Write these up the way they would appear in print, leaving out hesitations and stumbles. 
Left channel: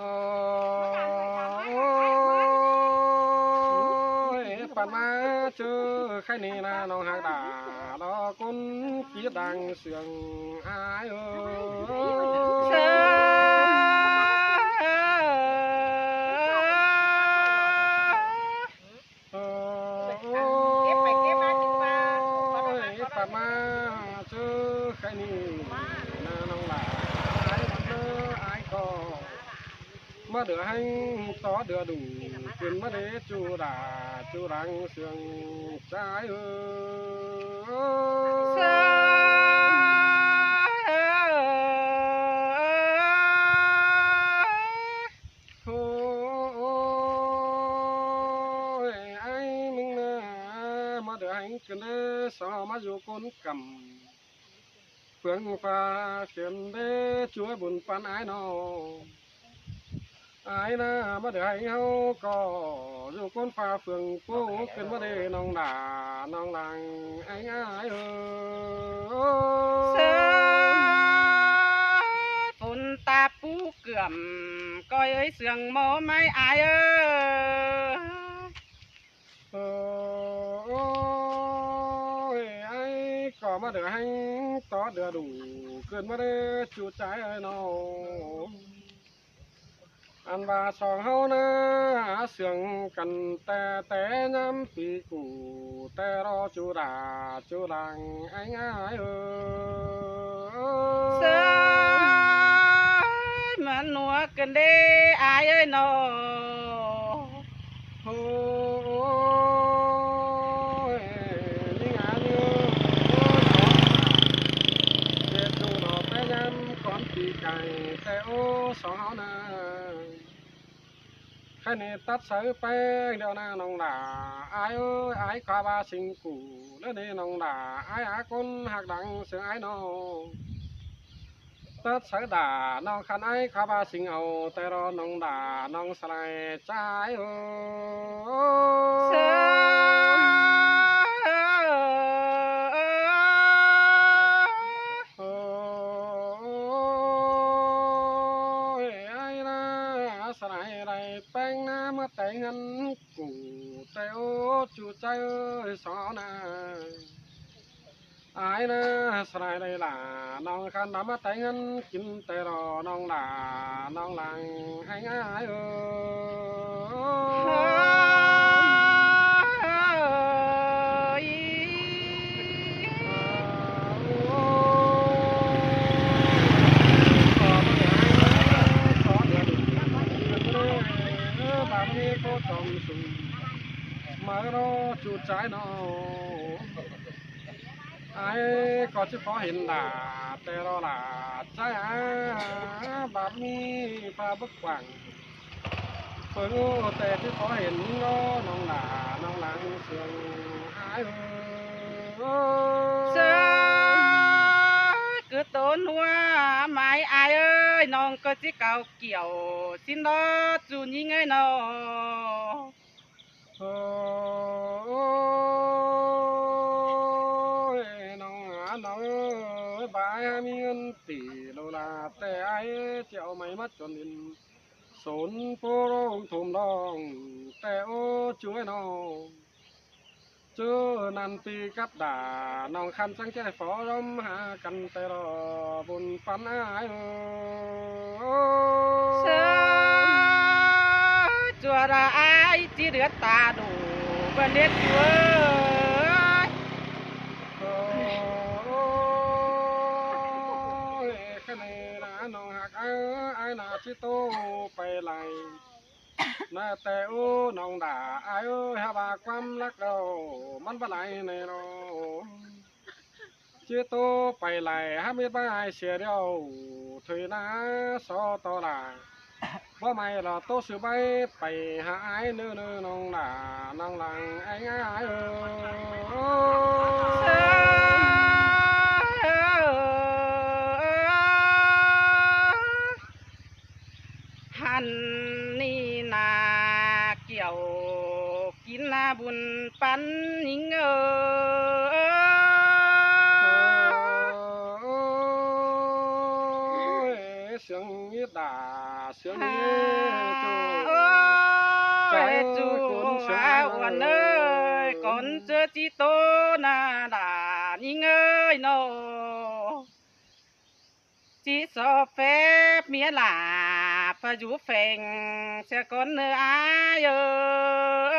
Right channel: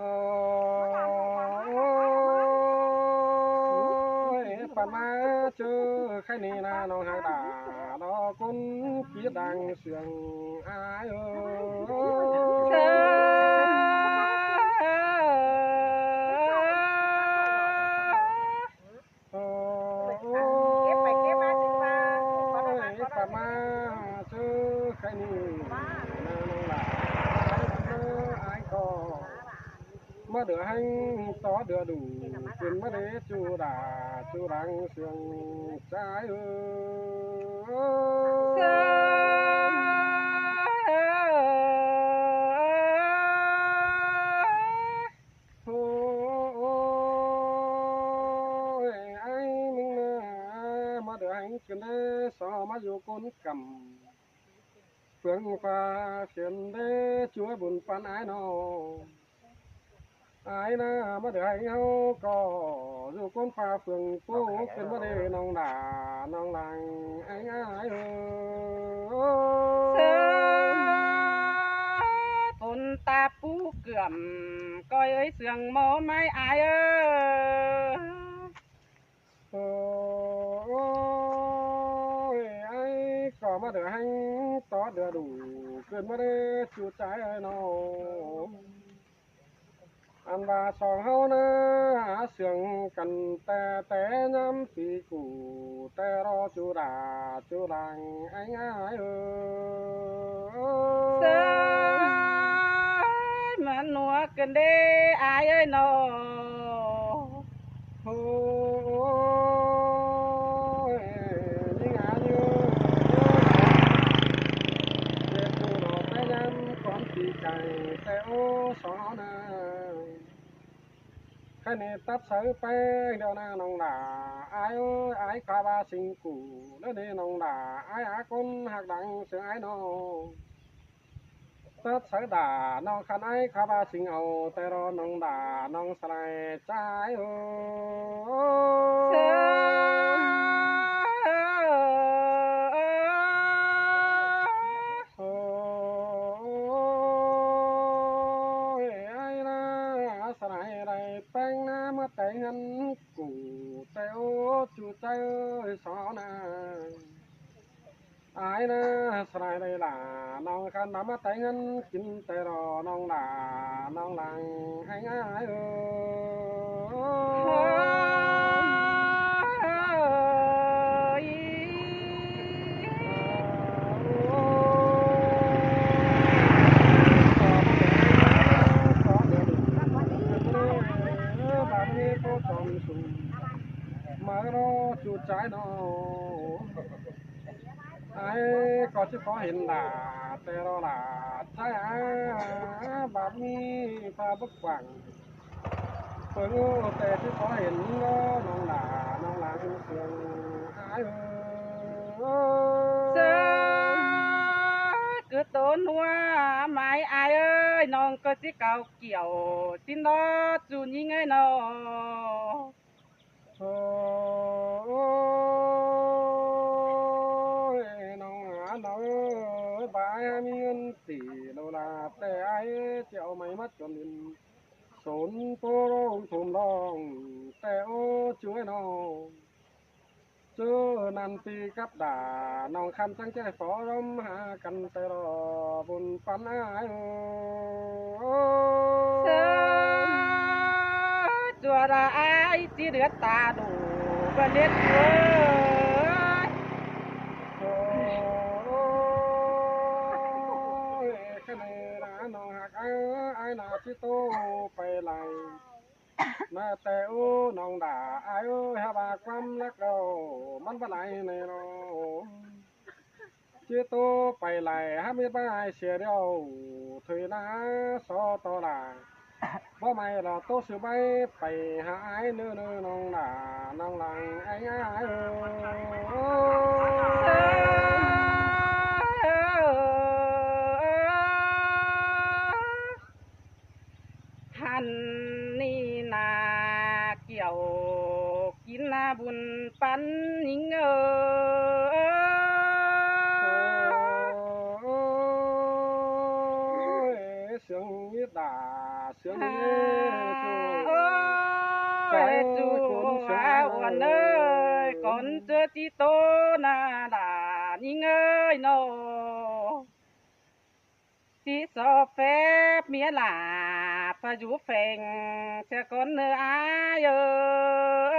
โอ้ยปันมาเจอใครนี่นะน้องหากด่าดอกุนกีดังเสียงอายเสืปันมาเจอใครนี่นะน้องหลาอายเจออายก็มาเดือให้ต่อเดือดูขึ้นมาเดจูดาจูรังเสียงใจโอ้ยไอ้มึงนะมาเดือให้ขึ้นเดสอมาอยู่ก้นกำเฟืองฟ้าเขียนเดช่วยบุญปันไอ้นอไอ้นะมาเดือให้เฮาก็อยู่ก้นฟ้าเฟืองปูขึ้นมาเดน้องด่าน้องหลังไอ้ไอ้ฝนตาปูเกื่อมก้อยเอ้ยเสียงหมอไม้อายโอ้ยไอ้ก็มาเดือให้ต่อเดือดูขึ้นมาเดจูใจไอ้น้องอันว่าสองเฮานะเสียงกันแต่ย้ำปีกูแต่รอจูดาจูดังไอ้ง่ายเสือมันหนัวกันเด้อายเอ้ยนอโอ้ยนี่งานอยู่เจ็บดูดอกแต่ย้ำก่อนปีไก่แต่โอ้สองเฮานะแค่นี้ตัดสายแป้งเดียวนะน้องด่าไอ้เอ้ยไอ้กว่าบาสิงกูแล้วนี่น้องด่าไอ้อาคนหักดังเสียงไอ้น้องตัดสายด่าน้องขันไอ้กว่าบาสิงเอาแต่รอน้องด่าน้องสลายใจเอ้เสืโอ้ยไอ้นะสลายไรแป้งน้ำมาแต่งเงินกูแต่โอ้จูใจเอ้ยสาวนา อายนะสลายเลยล่ะน้องขันน้ำมาแต่งเงินกินแต่รอน้องด่าน้องหลังให้ง่ายแบบนี้ก็ต้องสู้มารอจุดใจน้องไอ้ก็จะขอเห็นด่าแต่รอด่าใจแบบนี้พาบักหวังเปิดแต่ที่ขอเห็นก็น้องด่าน้องหลังเสียงหายเสือคือต้นหัวไม้อายเอ้ยน้องก็จิเก่าเกี่ยวสินดอจูนยิงไงนอโอ้ยน้องหาน้องบายมีเงินตีโลลาแต่ไอ้เจ้าไม่มัดจนดินสนโปรองทุ่มดองแต่โอ้ช่วยน้องเจอนันปีกับด่าน้องคันสังใจฟอรมหากันแต่รอบนปันอ้ายเสือจัวระอายจีเดือดตาดูบันเล็กเว้ยโอ้ยแค่นี้นะน้องหักไอ้หนาชิโตไปไหลน่าแต่โอ้น้องด่าไอ้เอ้ยฮาบาความรักเรามันบ่ไหลในเราชิโตไปไหลฮามีบ้าเสียเดียวถอยนะสอต่อด่าบ่ไม่เราโตสือใบไปหาไอ้เนื้อน้องด่าน้องหลังไอ้ง่ายเสือหันนี่นาเกี่ยวกินนาบุญปันยิงเสียงยี đà sướng đi chú ôi chú quan ơi con chưa chỉ tô na đà nhìn ơi nó chỉ so phép mía là phải chú phèn sẽ con nơi ai ơi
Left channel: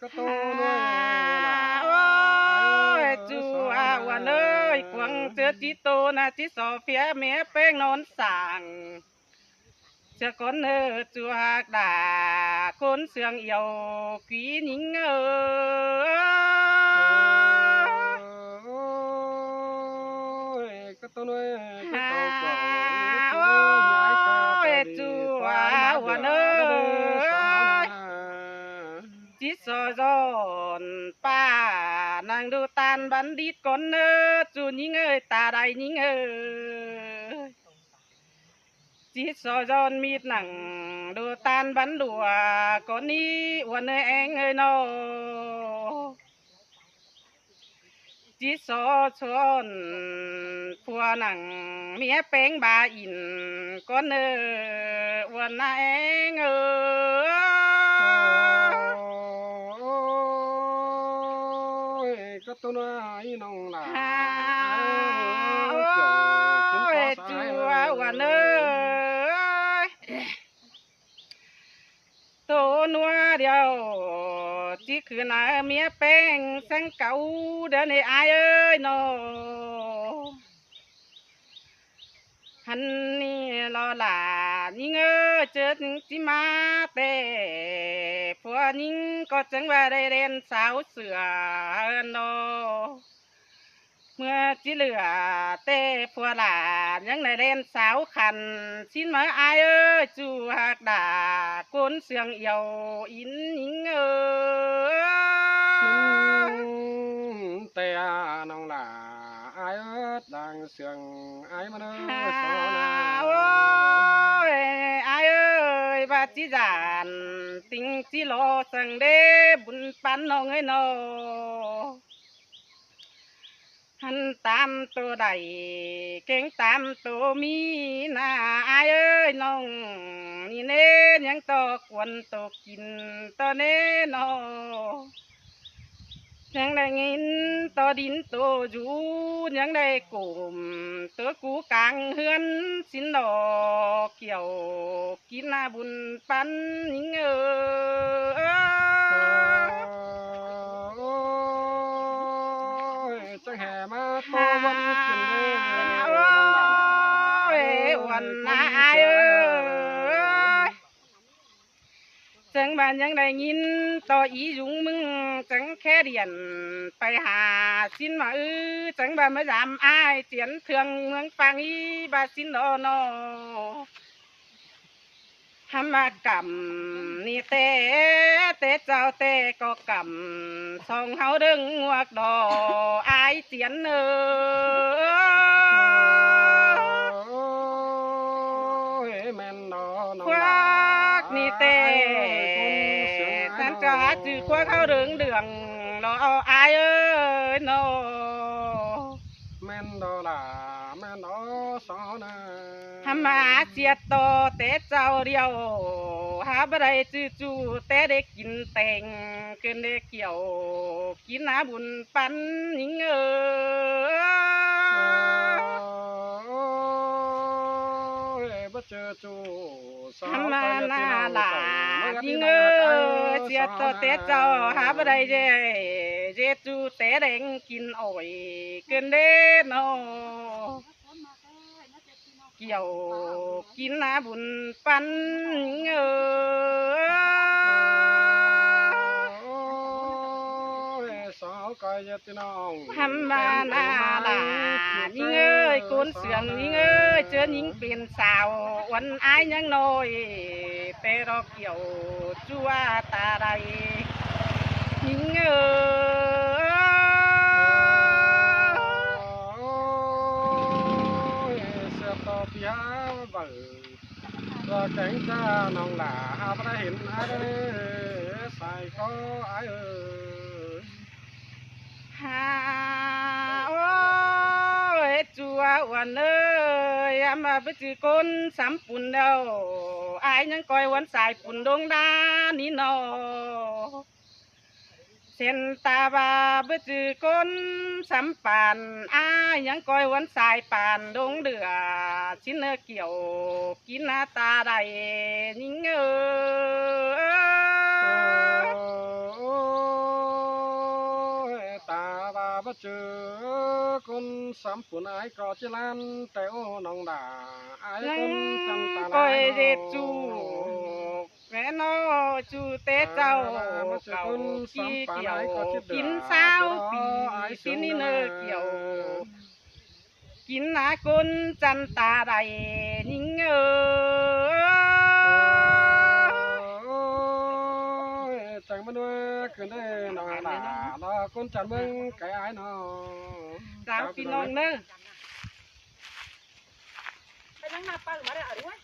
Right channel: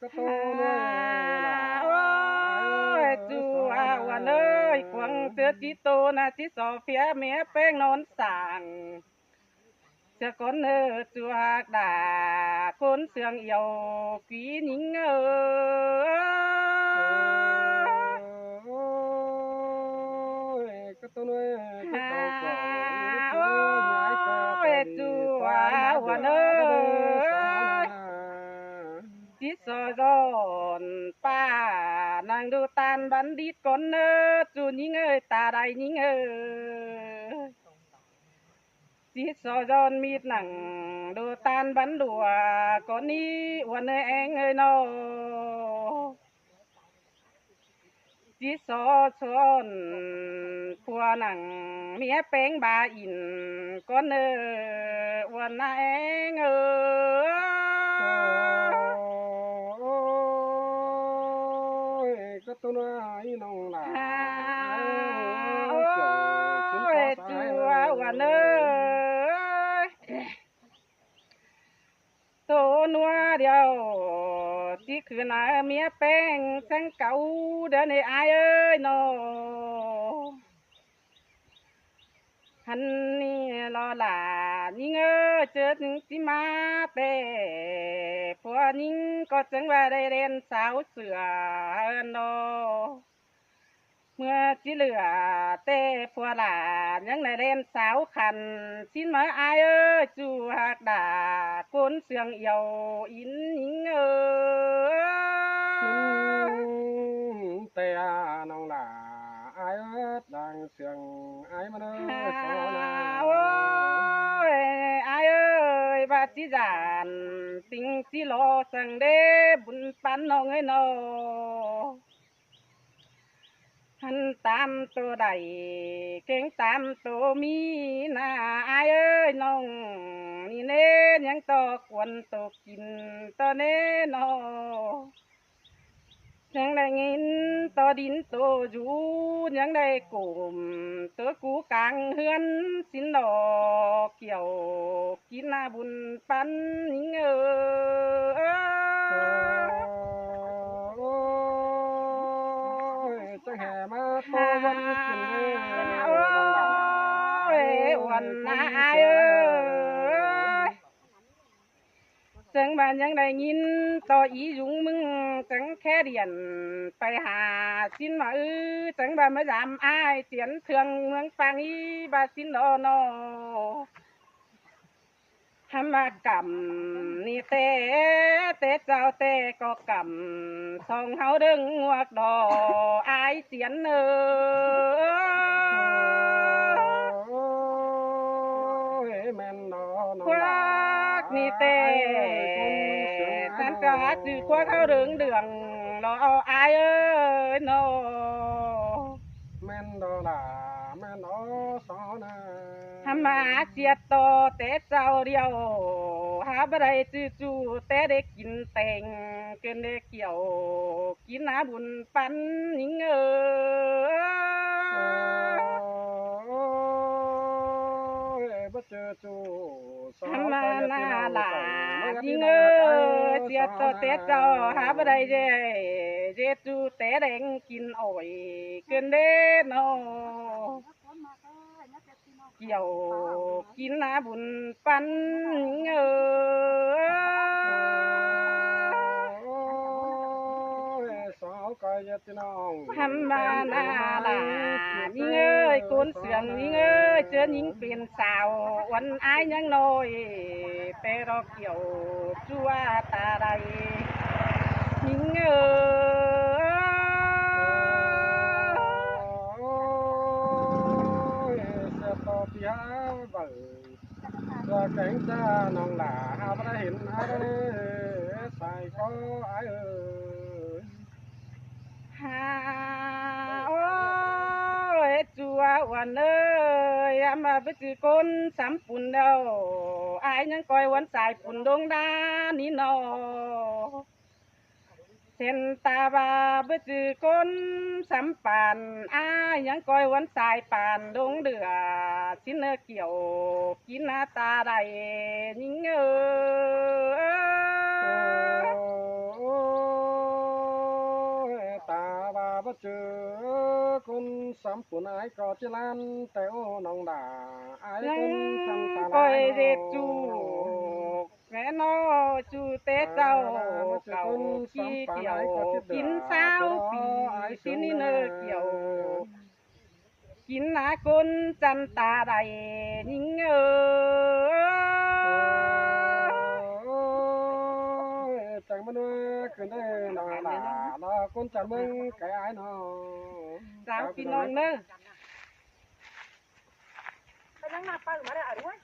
có tô nuôi là ôi chú quan ơi quăng chưa chỉ tô na chỉ so phép mía phèn non sàng sẽ con nơi chú đà con sương yêu quý nính cái tôi nuôi cái tàu cổ chú nhái ôi cơ chú quan ơi chỉ so giòn pa nàng đu tan bắn đít con chú nính ơi ta đây nính ơi chỉ so giòn mít nặng đu tan bắn đùa con đi uốn ơi anh ơi nó chỉ so chọn phua nặng mía bánh bà in con uốn anh cái tôi nuôi nông là ôi chú uốn ơi tô nua điều chỉ cứ là mía bánh sang cấu đến này ai ơi nó hắn ni lo là nhưng ơ chết chỉ ma tê phua nhưng có chẳng vào đây đen sáo sửa nó mưa chỉ lửa tê phua là những này đen sáo khăn xin mời ai ơi chú hạc đà côn sương yêu in nhưng tè nông là ai ớt đang sương ai mà nó xó na ôi ai ơi bà chỉ giản tình chỉ lo sang đê bún pan nó người nó hắn tam tô đầy kén tam tô mi na ai ơi nông ni nê nhang to quần to kín to nê nó nhang đây nghìn to đín to du nhang đây cùm tớ cú càng hươn xin đỏ kiểu kín na bún pan những chẳng hè mà tô vẫn chuyện ôi uẩn ai ơi chẳng bàn những đây nhìn to ý dũng mừng chẳng khe điển phải hà xin mà chẳng bàn mới dám ai chiến thương mương phang ý bà xin đó nó hàm mà cầm ni tê chào tê có cầm song háo đứng ngoặc đỏ ai chiến men đó khoác ni tê tan cho hát chữ khoác háo đứng đường lo ai ơi nó men đó là men đó xó na hàm mà chiết to tê chào điều há bà đây chữ chú tê để kín tèng cơn để kiểu kín á bún pan những bất chợt chú hàm mà na là những chiết to tê chào há bà đây dê chú tê đèn kín ổi cơn để nó kiểu kín á bún pan hàm mà na là những ơi côn sườn những ơi chưa những tiền xào uốn ai những nồi tê ro kiểu chua ta đây những và cánh cha nòng là ha đã hiện ai đây xài có ai ơi ha ôi อ้วนเอ้ยอามาไปจือก้นสำปุ่นเดาอายยังก้อยวันสายปุ่นดงดานี่นอเส้นตาบาไปจือก้นสำปานอายยังก้อยวันสายปานดงเดือชิ้นเนื้อเกี่ยวกินหน้าตาใดนิ่งเอ้ย ตาบาบเจอคนสามปุ่นไอ้ก็จิลันแต่โอ้น้องด่าไอ้คนจำตา ก้ ลา อย ย เด็ดจูแม่นอจูเตเจ้าเก่าขี้เกี่ยวกินสาวปีสินี่เนอเกี่ยว กินหนาคนจันตาใดนิ่งจังมันด้วยขึ้นได้น้องด่าน้อคนจันเมืองไก่ไอ้น้อ สาวพี่น้องเนอ ไปนั่งมาปลาหรือมาได้อะไรวะ